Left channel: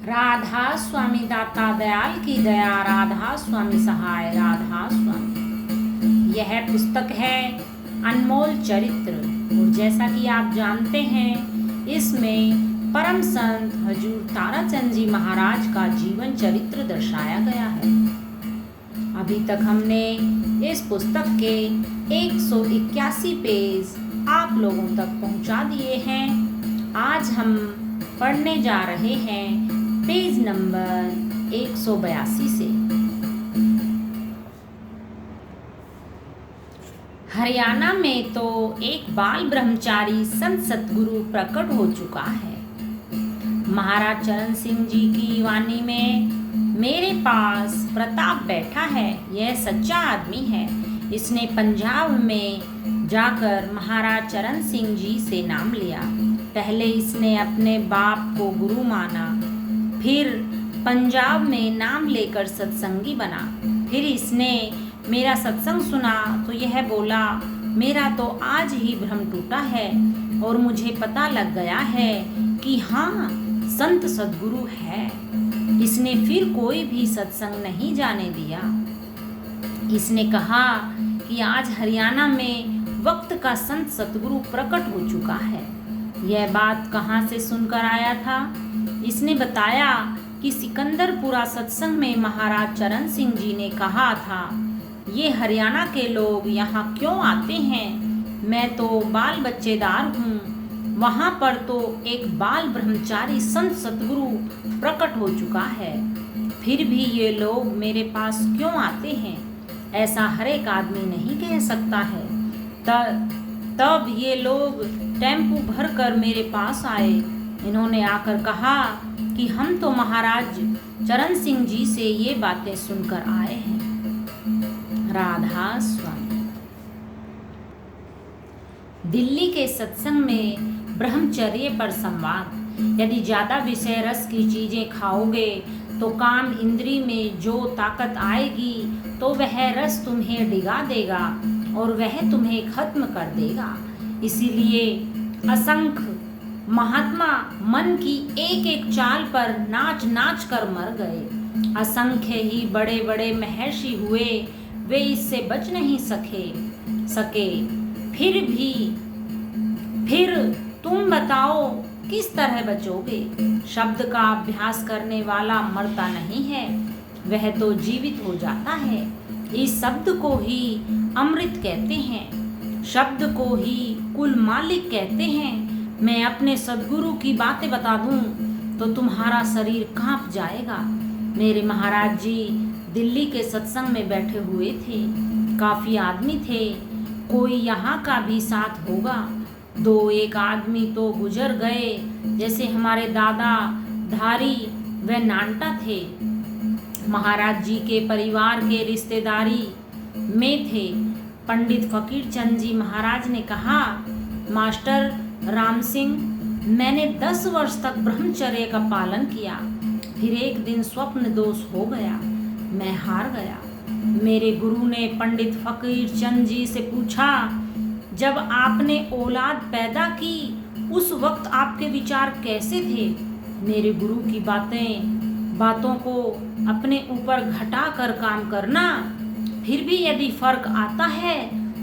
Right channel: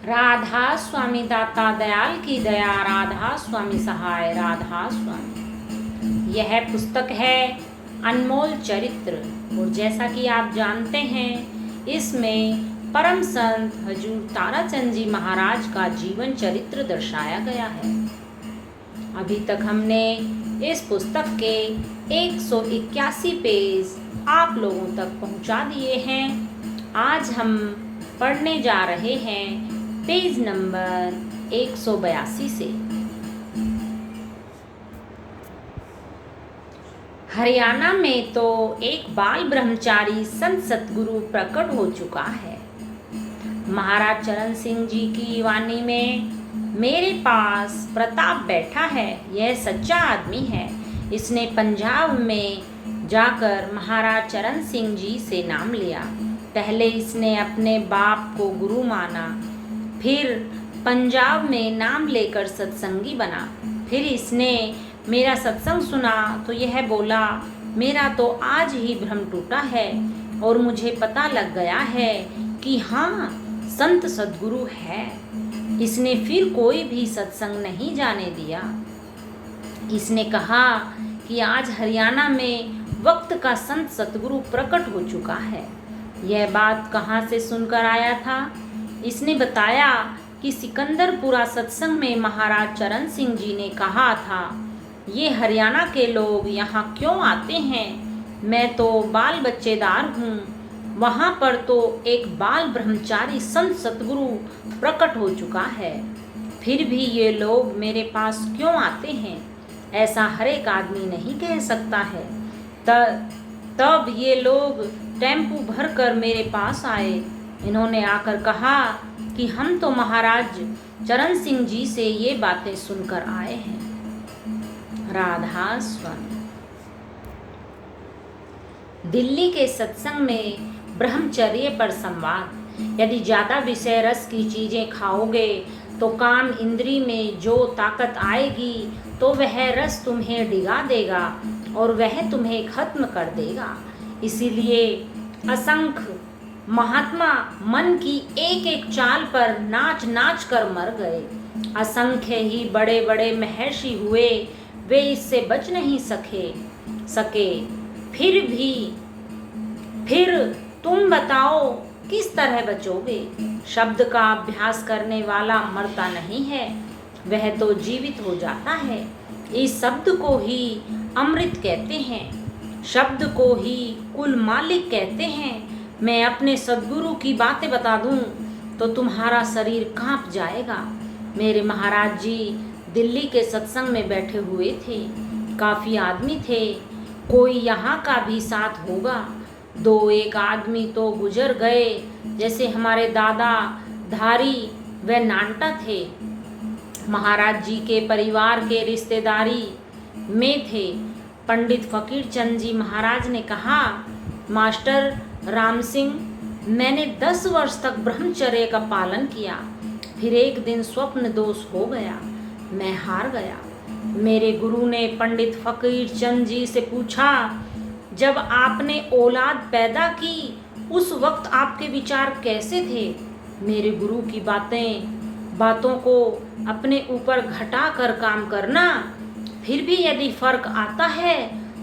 राधा स्वामी दाता दयाल की दया, राधा स्वामी सहाय, राधा स्वामी। यह पुस्तक है अनमोल चरित्र, और जैसा कि आप जानते हैं इसमें परम संत हजूर ताराचंद जी महाराज का जीवन चरित्र दर्शाया गया है। अभी तक हमने इस पुस्तक के 181 पेज आप लोगों तक पहुंचा दिए हैं। आज हम पढ़ने जा रहे हैं पेज नंबर 182 से। हरियाणा में तो एक बाल ब्रह्मचारी संत सतगुरु प्रकट हो चुका है। महाराज चरण सिंह जी की वाणी में, मेरे पास प्रताप बैठा है, यह सच्चा आदमी है। इसने पंजाब में जाकर महाराज चरण सिंह जी से नाम लिया। पहले इसने अपने बाप को गुरु माना, फिर पंजाब में नाम लेकर सत्संगी बना। फिर इसने मेरा सत्संग सुना तो यह बोला, मेरा तो आज ही भ्रम टूटा है और मुझे पता लग गया है कि हाँ, संत सद्गुरु है। इसने फिर कोई भी सत्संग नहीं जाने दिया। इसने कहा कि आज हरियाणा में वक्त का संत सतगुरु प्रकट हो चुका है। यह बात कहाँ से सुनकर आया था? इसने बताया कि सिकंदरपुरा सत्संग में महाराज चरण सिंह जी ने कहा था, ये हरियाणा के लोग यहाँ क्यों आते हैं? मैं तो बाल बच्चेदार हूँ। वहाँ पर तो एक बाल ब्रह्मचारी संत सतगुरु प्रकट हो चुका है, फिर भी ये लोग मेरे पास क्यों आते हैं? ऐसा हर एक आदमी नहीं कह सकता है। तब ये लोग टेम्पू भर कर मेरे पास आए। इन्होंने आकर कहा कि हम तो महाराज चरण सिंह जी से ये बातें सुनकर आए हैं। राधा स्वामी। दिल्ली के सत्संग में ब्रह्मचर्य पर संवाद। यदि ज्यादा विषय रस की चीजें खाओगे तो काम इंद्री में जो ताकत आएगी तो वह रस तुम्हें डिगा देगा और वह तुम्हें खत्म कर देगा। इसीलिए असंख्य महात्मा मन की एक एक चाल पर नाच नाच कर मर गए। असंख्य ही बड़े बड़े महर्षि हुए, वे इससे बच नहीं सके। फिर तुम बताओ किस तरह बचोगे? शब्द का अभ्यास करने वाला मरता नहीं है, वह तो जीवित हो जाता है। इस शब्द को ही अमृत कहते हैं, शब्द को ही कुल मालिक कहते हैं। मैं अपने सद्गुरु की बातें बता दूं तो तुम्हारा शरीर कांप जाएगा। मेरे महाराज जी दिल्ली के सत्संग में बैठे हुए थे। काफी आदमी थे, कोई यहाँ का भी साथ होगा। 2-1 आदमी तो गुजर गए, जैसे हमारे दादा धारी व नानटा थे। महाराज जी के परिवार के रिश्तेदारी में थे। पंडित फकीर चंद जी महाराज ने कहा, मास्टर राम सिंह, मैंने 10 वर्ष तक ब्रह्मचर्य का पालन किया, फिर एक दिन स्वप्न दोष हो गया, मैं हार गया। मेरे गुरु ने पंडित फकीर चंद जी से पूछा, जब आपने औलाद पैदा की उस वक्त आपके विचार कैसे थे? मेरे गुरु की बातों को अपने ऊपर घटा कर काम करना, फिर भी यदि फर्क आता है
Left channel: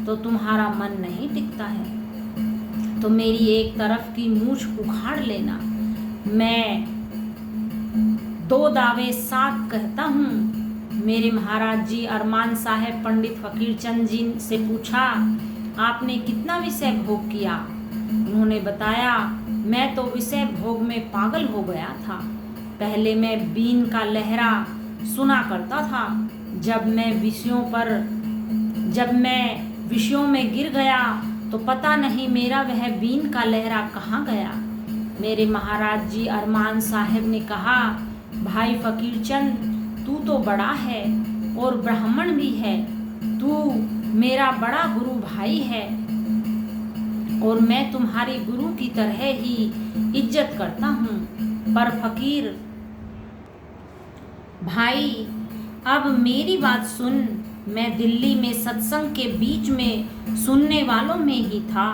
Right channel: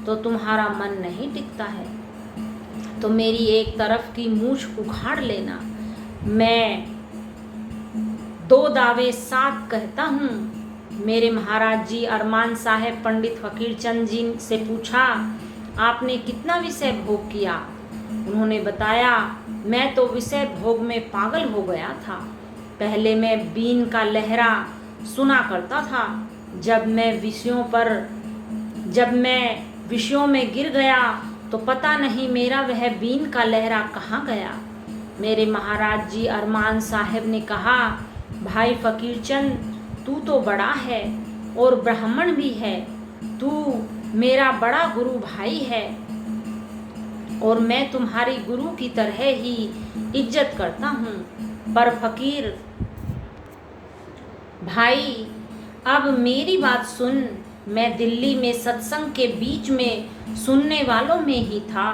तो तुम्हारा मन नहीं टिकता है तो मेरी एक तरफ की मूछ उखाड़ लेना। मैं 2 दावे साथ कहता हूँ। मेरे महाराज जी अरमान साहब पंडित फकीर चंद जी से पूछा, आपने कितना विषय भोग किया? उन्होंने बताया, मैं तो विषय भोग में पागल हो गया था। पहले मैं बीन का लहरा सुना करता था। जब मैं विषयों में गिर गया तो पता नहीं मेरा वह बीन का लहरा कहाँ गया। मेरे महाराज जी अरमान साहब ने कहा, भाई फकीर चंद, तू तो बड़ा है और ब्राह्मण भी है, तू मेरा बड़ा गुरु भाई है और मैं तुम्हारी गुरु की तरह ही इज्जत करता हूँ। पर फकीर भाई, अब मेरी बात सुन। मैं दिल्ली में सत्संग के बीच में सुनने वालों में ही था।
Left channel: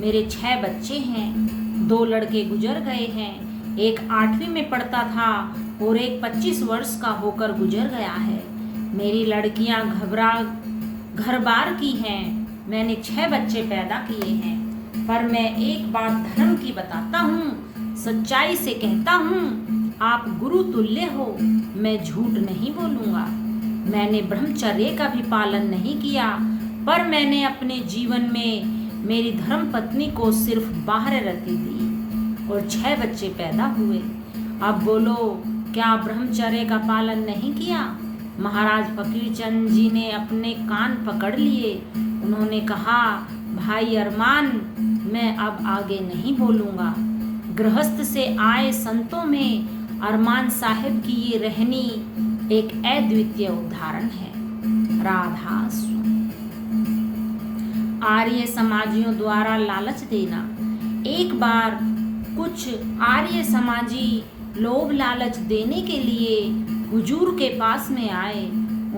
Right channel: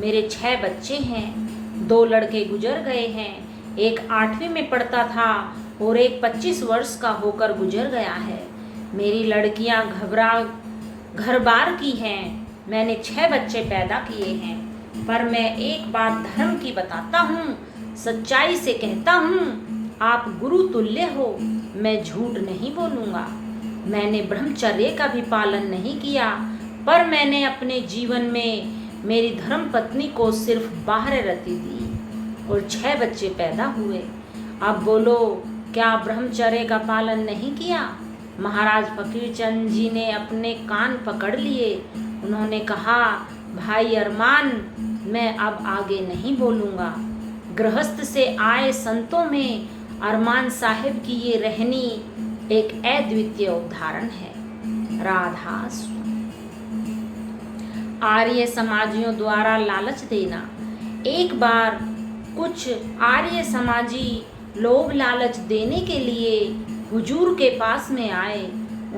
मेरे 6 बच्चे हैं, 2 लड़के गुजर गए हैं, एक 8वीं में पढ़ता था और एक 25 वर्ष का होकर गुजर गया है। मेरी लड़कियां घर बार की हैं। मैंने 6 बच्चे पैदा किए हैं। पर मैं एक बात धर्म की बताता हूँ, सच्चाई से कहता हूँ, आप गुरु तुल्य हो। मैं झूठ नहीं बोलूँगा। मैंने ब्रह्मचर्य का भी पालन नहीं किया, पर मैंने अपने जीवन में मेरी धर्म पत्नी को सिर्फ बाहर रति दी और 6 बच्चे पैदा हुए। अब बोलो, क्या ब्रह्मचर्य का पालन नहीं किया? महाराज फकीरचंद जी ने अपने कान पकड़ लिए। उन्होंने कहा, भाई अरमान, मैं अब आगे नहीं बोलूँगा। गृहस्थ से आए संतों में अरमान साहिब की ये रहनी एक अद्वितीय उदाहरण है। राधा स्वामी। आर्य समाजियों द्वारा लालच देना। एक बार कुछ आर्य समाजी लोभ लालच देने के लिए हुजूर के पास में आए।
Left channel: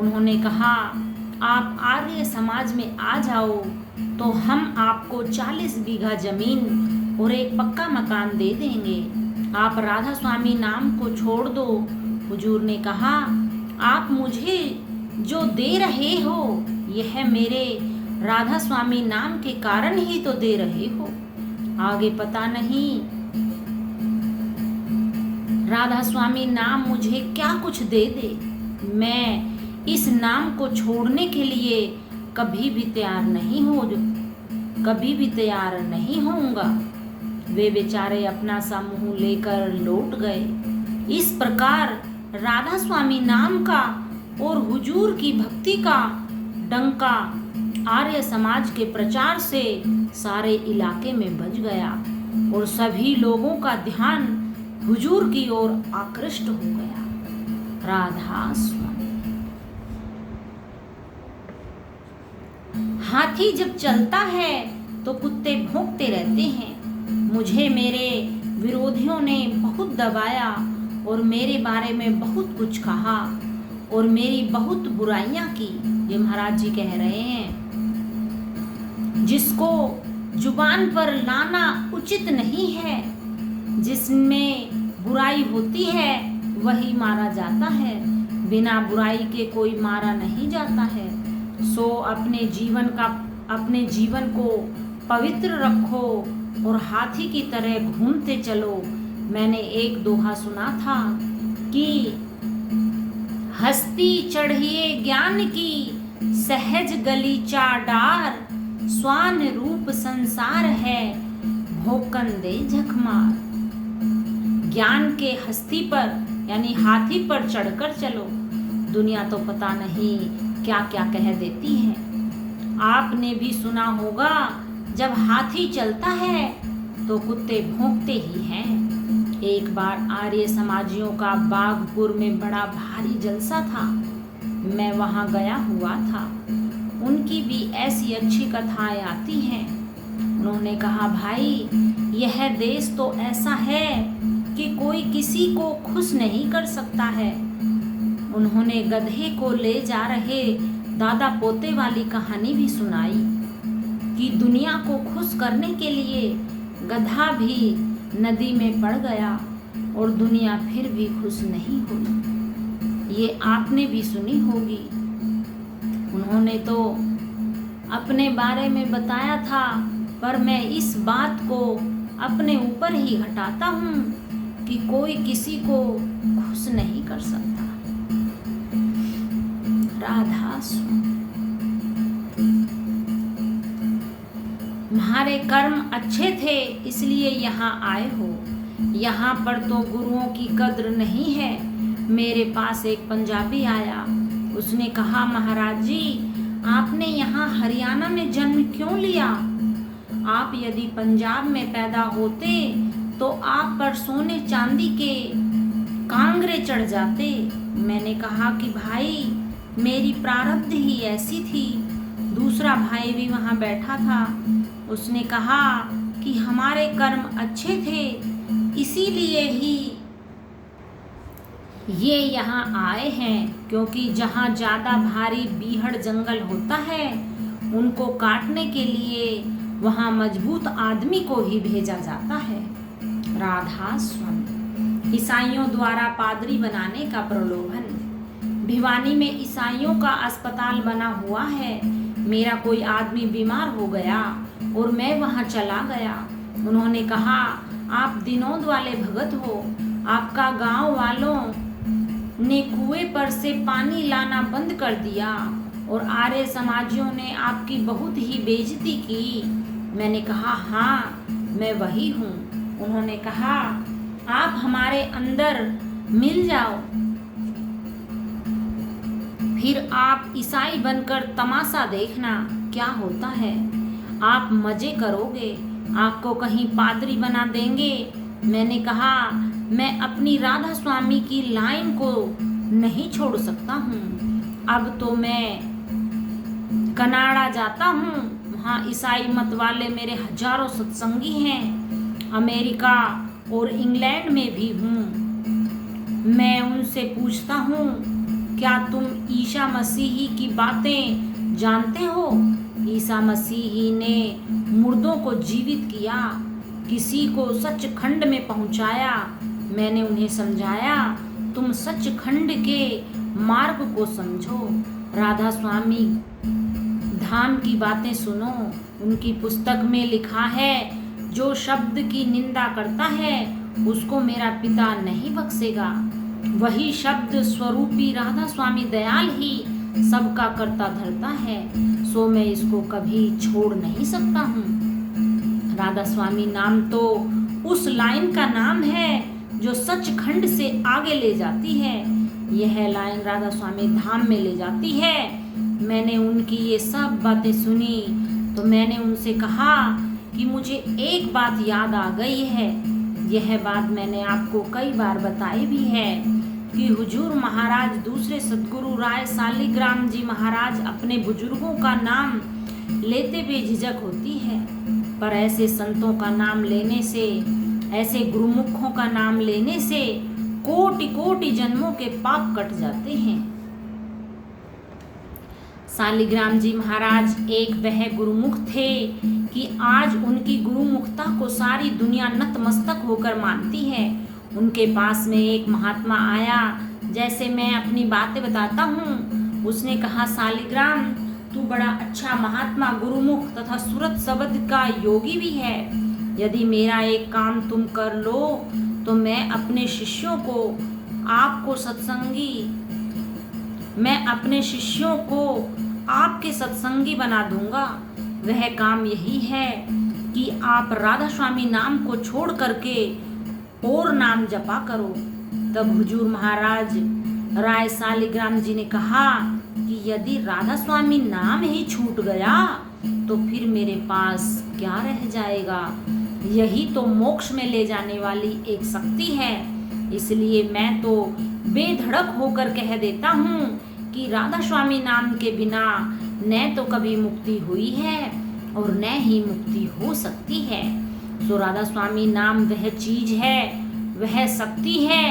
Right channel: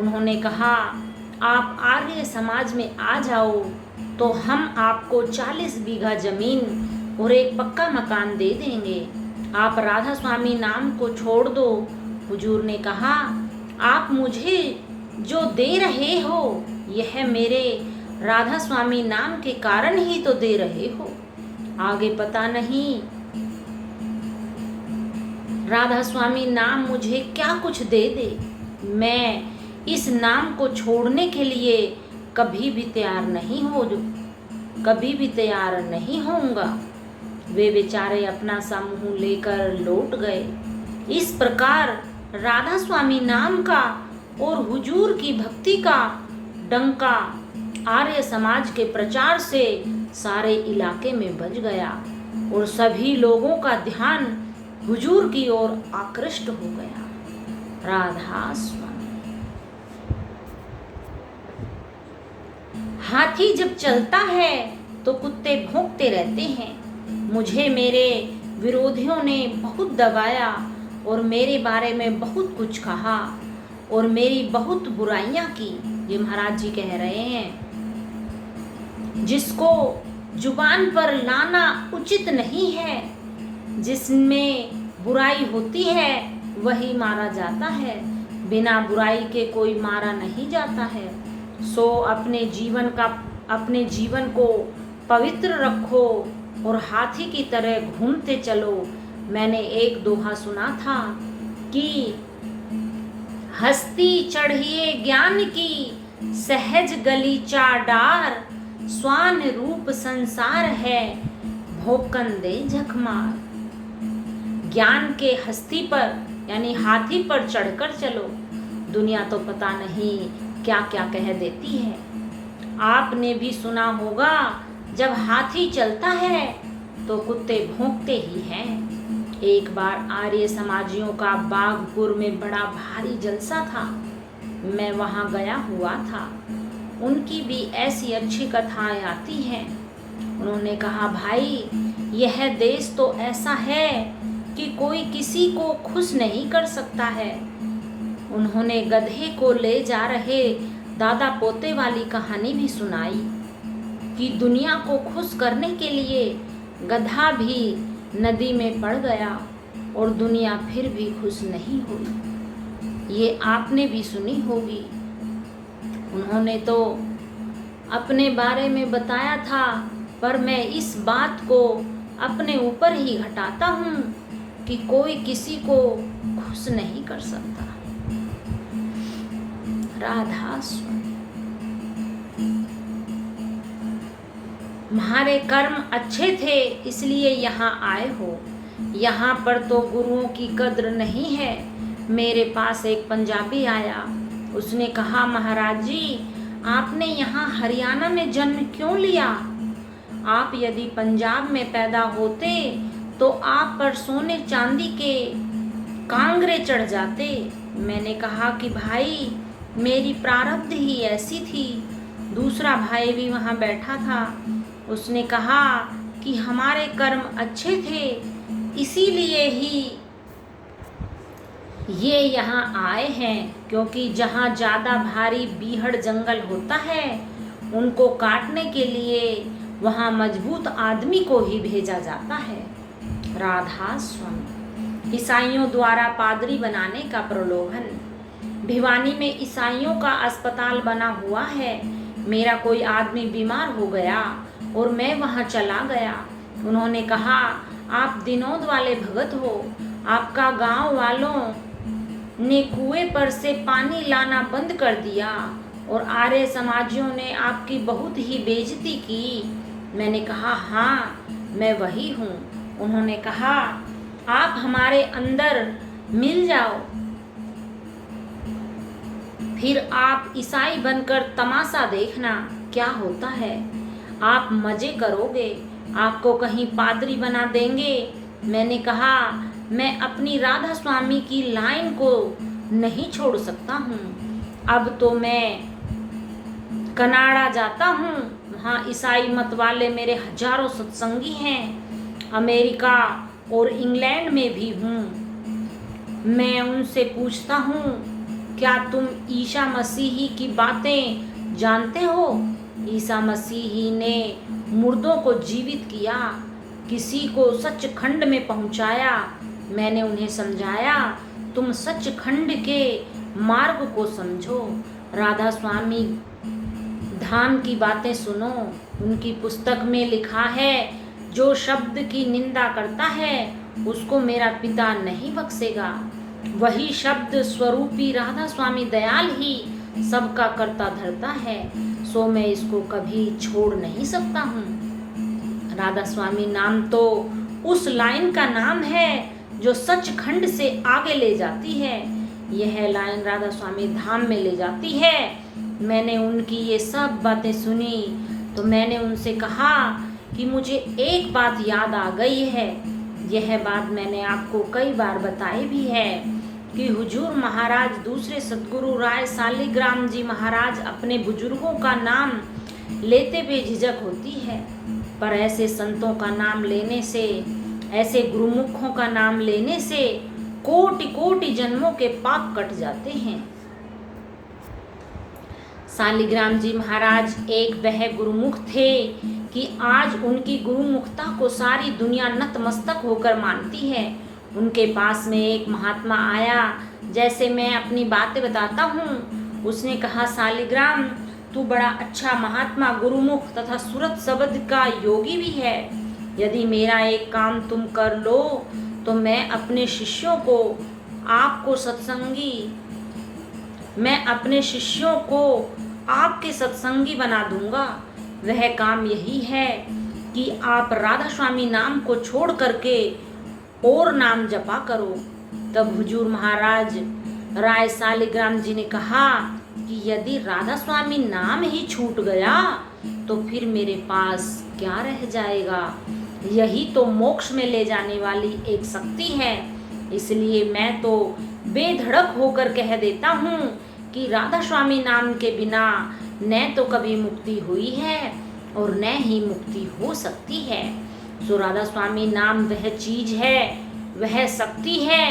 उन्होंने कहा, आप आर्य समाज में आ जाओ तो हम आपको 40 बीघा जमीन और एक पक्का मकान दे देंगे। आप राधा स्वामी नाम को छोड़ दो। हुजूर ने कहा, आप मुझे जो दे रहे हो यह मेरे राधा स्वामी नाम के कारण ही तो दे रहे हो। आगे पता नहीं राधा स्वामी नाम मुझे क्या कुछ दे दे। मैं इस नाम को छोड़ने के लिए कभी भी तैयार नहीं होऊंगा। वे बेचारे अपना सा मुंह लेकर लौट गए। इस प्रकार राधा स्वामी नाम का और हुजूर की भक्ति का डंका आर्य समाज के प्रचार से सारे इलाके में बज गया और सभी लोगों का ध्यान हुजूर की ओर आकृष्ट हो गया। राधा स्वामी। हाथी जब चलता है तो कुत्ते भौंकते रहते हैं। मुझे मेरे विरोधियों ने बहुत दबाया और मेरे बारे में बहुत कुछ कहा और मेरी बहुत बुराइयां की। ये महाराज जी कह रहे हैं। जिसको जुबान पर लाना उचित नहीं है, जिसमें बुराई होती है वही मारा जाता है। बिना बुराई के कोई मारा नहीं जाता है। सो अपने जीवन को पवित्र रखो और हाथी की तरह घूमते चलो। मैंने एक दोहा सुना था कि हस्ती चढ़िए ज्ञान की, सहज गलीचा डार, स्वान रूप संसार है, भोकन दे झकमार। ज्ञान के हस्ती पर यानी हाथी पर चढ़कर चलो। दुनिया तो पता नहीं क्या क्या कह देती है। आपने भी सुना होगा, जब हाथी चलता है तो कुत्ते भौंकते ही हैं। एक बार आर्य समाजियों का बागपुर में बड़ा भारी जलसा था। मैं वहां गया हुआ था। उनकी भी ऐसी अच्छी कथाएं आती हैं। उन्होंने कहा, भाई यह देश तो ऐसा है कि कोई किसी को खुश नहीं कर सकता है। उन्होंने गधे को ले जा रहे दादा पोते वाली कहानी भी सुनाई कि दुनिया को खुश करने के लिए गधा भी नदी में पड़ गया और दुनिया फिर भी खुश नहीं हुई। ये आपने भी सुनी होगी। उन्होंने तो अपने बारे में बताया था, पर मैं इस बात को अपने ऊपर ही घटाता हूँ कि कोई किसी को खुश नहीं कर सकता। राधा स्वामी। तुम्हारे कर्म अच्छे थे इसलिए यहाँ आए हो। यहाँ पर तो गुरुओं की कद्र नहीं है। मेरे पास एक पंजाबी आया। उसने कहा, महाराज जी आपने यहाँ हरियाणा में जन्म क्यों लिया? आप यदि पंजाब में पैदा होते तो आप पर सोने चांदी के कांगरे चढ़ जाते। मैंने कहा कि भाई मेरी प्रारब्ध ही ऐसी थी। दूसरा भाई भी वहाँ बैठा था। उसने कहा कि हमारे कर्म अच्छे थे इसीलिए ही ये यहाँ आए हैं, क्योंकि जहाँ ज़्यादा भारी बीहड़ जंगल होता है उनको काटने के लिए वहाँ मजबूत आदमी को ही भेजा जाता है। राधा स्वामी। ईसाइयों द्वारा पादरी बनाने का प्रलोभन। भिवानी में ईसाइयों का अस्पताल बना हुआ है। मेरा कोई आदमी बीमार हो गया और मैं वहां चला गया। उन्होंने कहा, आप विनोद वाले भगत हो। आपका गांव वालों ने कुएं पर से पानी लाना बंद कर दिया और आर्य समाजियों ने आपकी बहुत ही बेइज्जती की। मैंने कहा, हाँ मैं वही हूँ। उन्होंने कहा, आप हमारे अंदर मिल जाओ, फिर आप ईसाई बनकर तमाशा देखना क्या होता है। आप मजे करोगे, आपको कहीं पादरी बना देंगे। मैंने कहा, मैं अपनी राधा स्वामी की लाइन को नहीं छोड़ सकता हूँ। अब तो मैं कनाडा जाता हूँ, वहाँ ईसाई मत वाले मेरे हजारों सत्संगी हैं। अमेरिका और इंग्लैंड में भी हूँ। मैं उनसे पूछता हूँ, क्या तुम ईसा मसीही की बातें जानते हो? ईसा मसीही ने मुर्दों को जीवित किया, किसी को सचखंड में पहुंचाया। मैंने उन्हें समझाया, तुम सचखंड के मार्ग को समझो, राधा स्वामी धाम की बातें सुनो। उनकी पुस्तक में लिखा है, जो शब्द की निंदा करता है उसको मेरा पिता नहीं बख्शेगा। वही शब्द स्वरूपी राधा स्वामी दयाल ही सबका करता धरता है, सो मैं इसको कभी छोड़ नहीं सकता हूँ। राधा स्वामी नाम तो उस लाइन का नाम है जो सचखंड से आगे ले जाती है। यह लाइन राधा स्वामी धाम में ले जाती है। मैंने उनकी ये सब बातें सुनी तो मैंने उनसे कहा कि मुझे एक बात याद आ गई है। यह बात मैंने आपको कई बार बताई भी है कि हुजूर महाराज दूसरे सद्गुरु राय सालिग्राम जी महाराज अपने बुजुर्गों का नाम लेते बेझिझक होती है, पर ऐसे संतों का नाम लेने से, ऐसे गुरुमुखों का नाम लेने से कोटि कोटि जन्मों के पाप कट जाते हैं। सालिग्राम जी महाराज एक वह गुरुमुख थे कि आज उनकी गुरुमुखता को सारी दुनिया नतमस्तक होकर मानती है। उनके पास में एक महात्मा आया, जैसे मैं अपनी बातें बताता हूँ। उसने कहा, सालिग्राम तू बड़ा अच्छा महात्मा, गुरुमुख तथा सूरत शब्द का योगी भी है। यदि मेरा एक काम तुम कर लो तो मैं अपने शिष्यों को आपके सत्संगी बना दूंगा। वह काम यही है कि आप राधा स्वामी नाम को छोड़ करके और नाम जपा करो। तब हुजूर महाराज राय सालिग्राम जी ने कहा कि यदि राधा स्वामी नाम ही छूट गया तो फिर मेरे पास क्या रह जाएगा। यही तो मोक्ष में ले जाने वाली एक शक्ति है। इसलिए मैं तो बेधड़क होकर कह देता हूँ कि राधा स्वामी नाम के बिना न तो कभी मुक्ति हुई है और न ही मुक्ति हो सकती है। तो राधा स्वामी नाम वह चीज है, वह शक्ति है,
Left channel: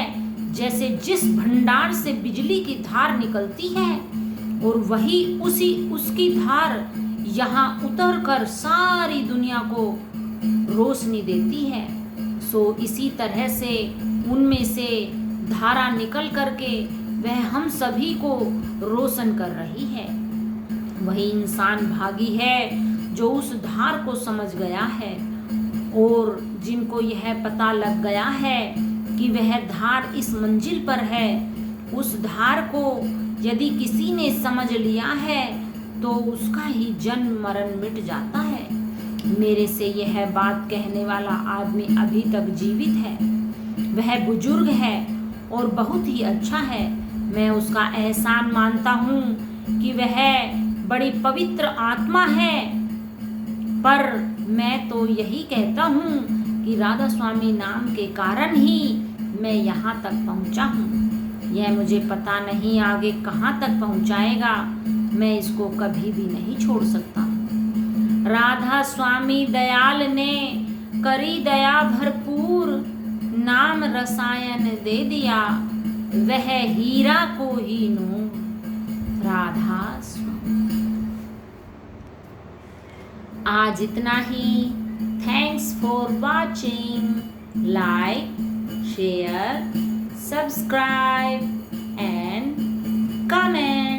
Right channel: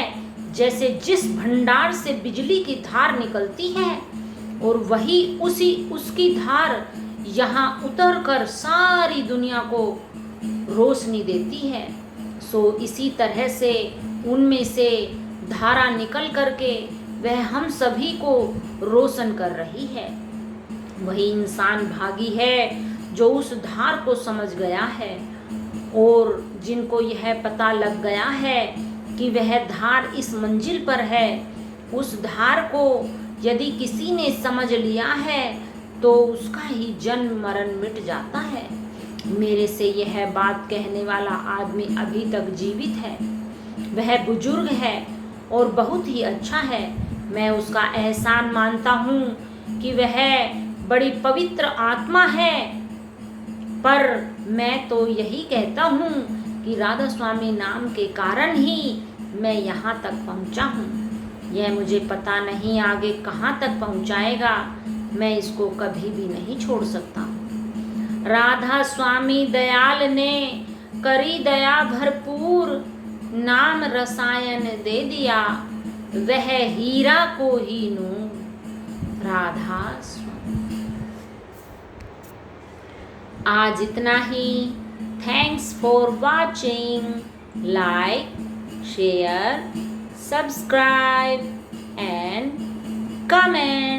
जैसे जिस भंडार से बिजली की धार निकलती है और वही उसकी धार यहाँ उतर कर सारी दुनिया को रोशनी देती है। सो इसी तरह से उनमें से धारा निकल करके वह हम सभी को रोशन कर रही है। वही इंसान भागी है जो उस धार को समझ गया है और जिनको यह पता लग गया है कि वह धार इस मंजिल पर है। उस धार को यदि किसी ने समझ लिया है तो उसका ही जन्म मरण मिट जाता है। मेरे से यह बात कहने वाला आदमी अभी तक जीवित है। वह बुजुर्ग है और बहुत ही अच्छा है। मैं उसका एहसान मानता हूँ कि वह बड़ी पवित्र आत्मा है, पर मैं तो यही कहता हूँ कि राधा स्वामी नाम के कारण ही मैं यहाँ तक पहुँचा हूँ। यह मुझे पता नहीं आगे कहाँ तक पहुँचाएगा। मैं इसको कभी भी नहीं छोड़ सकता। राधा स्वामी दयाल ने करी दया भरपूर, नाम रसायन दे दिया, वह हीरा को ही नूर। राधा स्वामी। आज इतना ही। Thanks for watching. Like, share, subscribe and comment.